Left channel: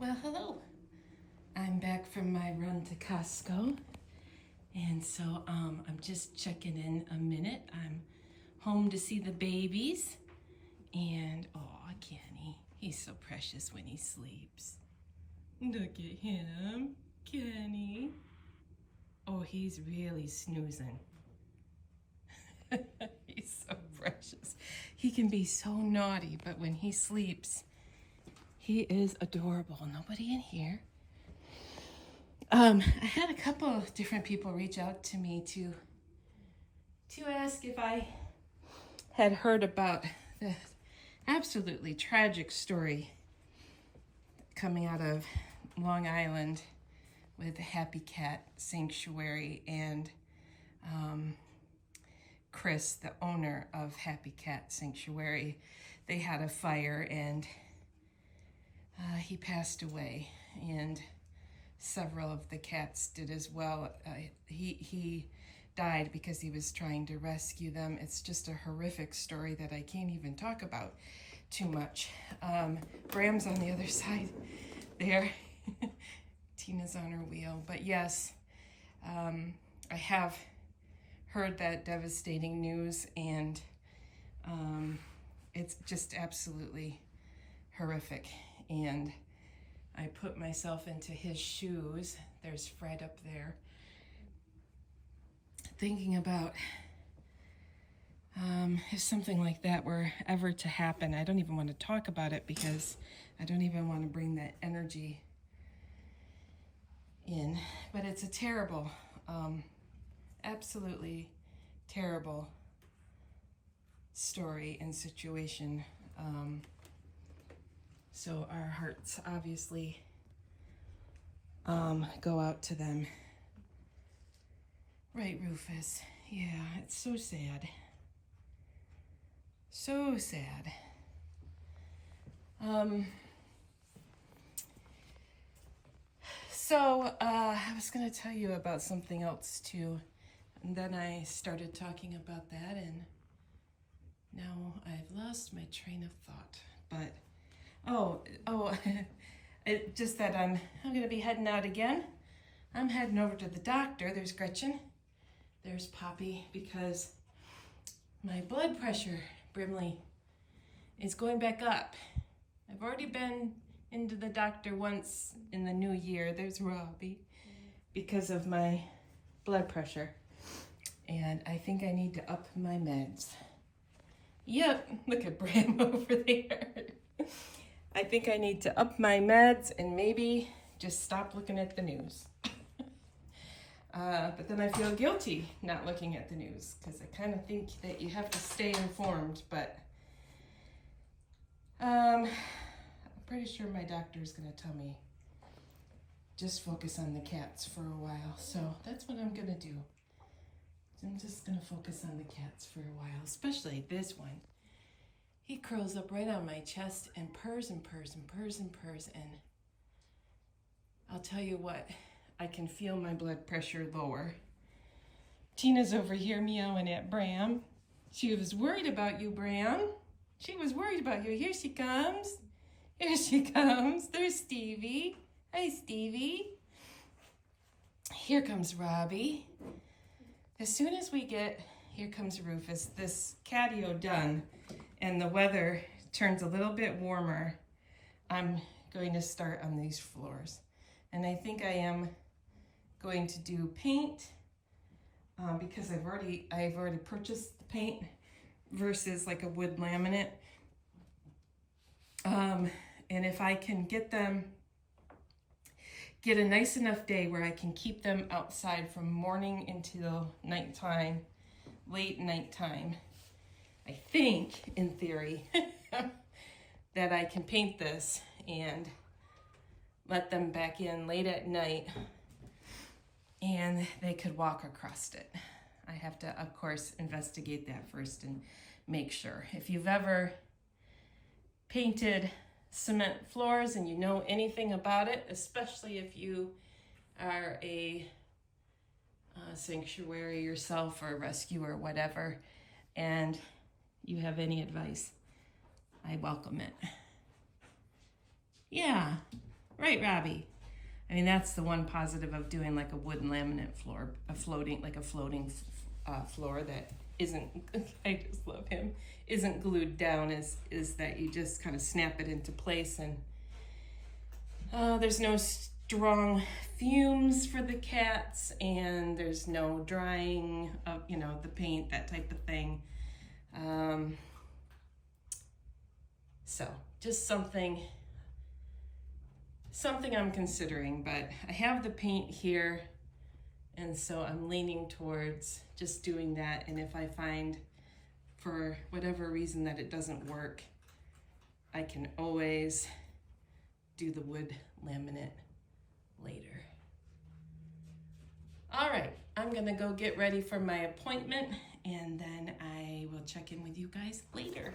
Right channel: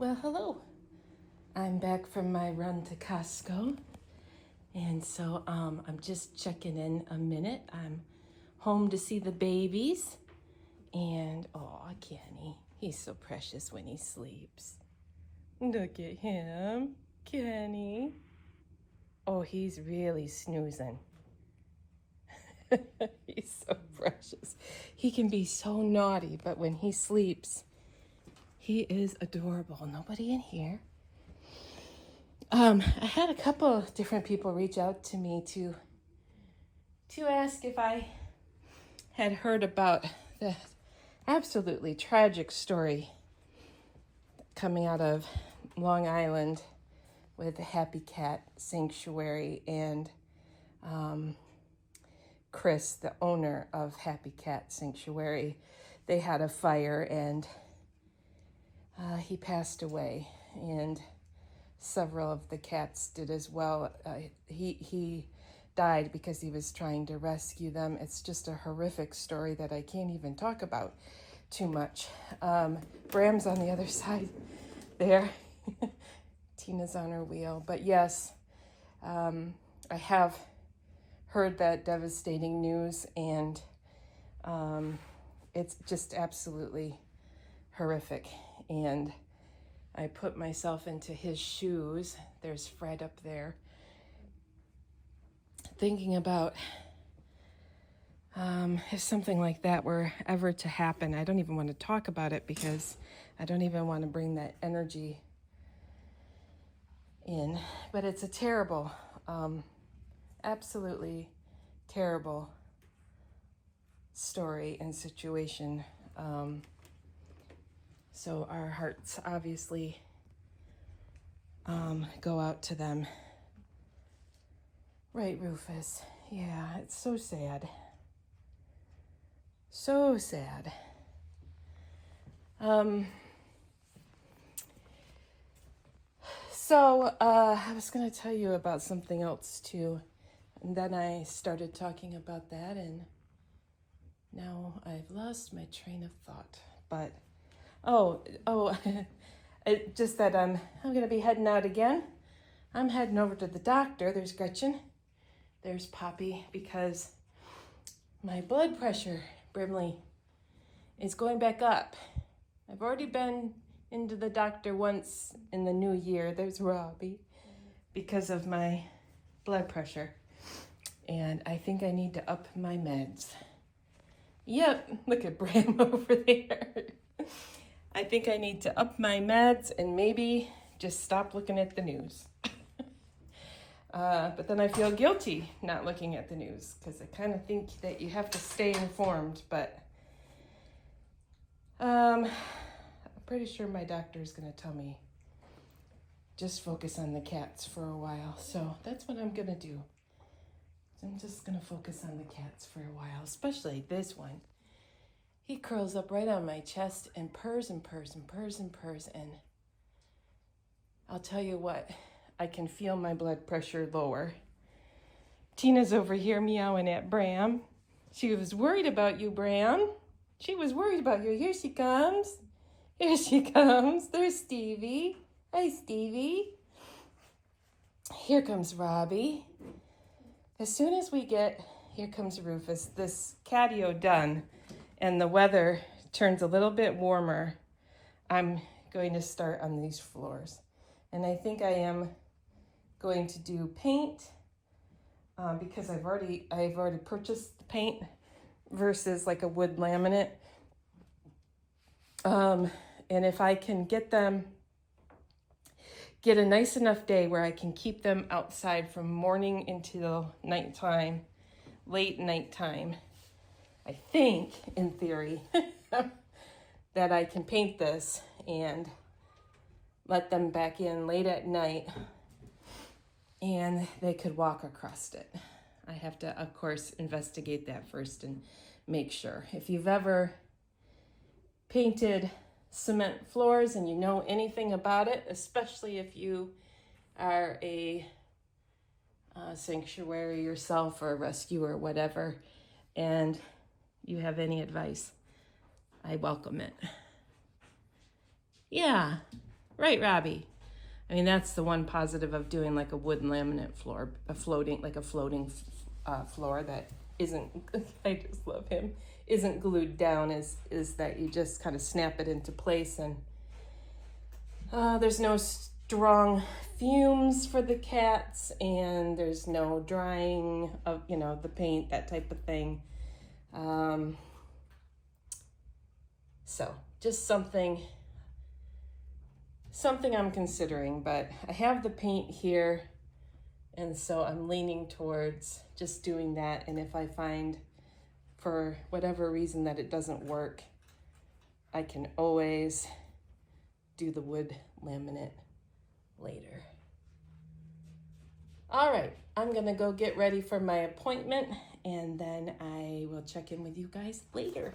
Well, hello. I'm back from my run to Costco, and so I'm just checking in a minute. I'm home to see the babies, and oh, Kenny, he's so precious when he sleeps. Look at him, Kenny. Oh, he's really snoozing. He's so precious. He can be so naughty, but when he sleeps, he is adorable. Nobody in here. I had a couple of different people reach out to me to ask if I had heard about the absolutely tragic story coming out of Long Island with the Happy Cat Sanctuary and Chris, the owner of Happy Cat Sanctuary. They had a fire and he passed away, and several of the cats did as well. He died because he was trying to rescue them. It's just a horrific story that I can't even talk about too much. Bram's on the other side there. Tina's on her wheel. But yes, I have heard that devastating news, and it's just absolutely horrific. And I put myself into his shoes. There's Fred up there. Thinking about if something like that were ever to happen. I don't even want to talk about it because I don't even want to bring that energy in. But it's a terrible, absolutely terrible story and situation. So our hearts obviously go out to them. Right, Rufus? Yeah, it's so sad. So sad. I was going to tell you about something else too. And then I started talking about that, and now I've lost my train of thought. But it just that I'm going to be heading out again. I'm heading over to the doctor. There's Gretchen. There's Poppy, because my blood pressure, Brimley, is going back up. I've already been into the doctor once in the new year. There's Robbie, because of my blood pressure. And I think I need to up my meds. Yep, look at Bram over there. I think I need to up my meds and maybe just stop looking at the news. But then I feel guilty not looking at the news because I kind of think that you have to stay informed, but I'm pretty sure my doctor is going to tell me just focus on the cats for a while. So that's what I'm going to do. I'm just going to focus on the cats for a while, especially this one. He curls up right on my chest and purrs and purrs and purrs and purrs, and I'll tell you what, I can feel my blood pressure lower. Tina's over here meowing at Bram. She was worried about you, Bram. She was worried about you. Here she comes. Here she comes. There's Stevie. Hi, Stevie. Here comes Robbie. As soon as we get, here comes Rufus, this catio done, and the weather turns a little bit warmer, I'm going to start on these floors. And I think I am going to do paint because I've already purchased the paint versus like a wood laminate. And if I can get a nice enough day where I can keep them outside from morning until nighttime, late nighttime, I think, in theory, that I can paint this and let them back in late at night and they could walk across it. I have to, of course, investigate that first and make sure. If you've ever painted cement floors and you know anything about it, especially if you are a sanctuary yourself or a rescue or whatever, and you have any advice, I welcome it. Yeah, Right, Robbie? I mean, that's the one positive of doing like a wood laminate floor, a floating floor that isn't, I just love him, isn't glued down, is that you just kind of snap it into place, and there's no strong fumes for the cats, and there's no drying of, the paint, that type of thing. So just something I'm considering, but I have the paint here, and so I'm leaning towards just doing that. And if I find for whatever reason that it doesn't work, I can always do the wood laminate later. All right, I'm gonna go get ready for my appointment, and then I will check in with you guys later.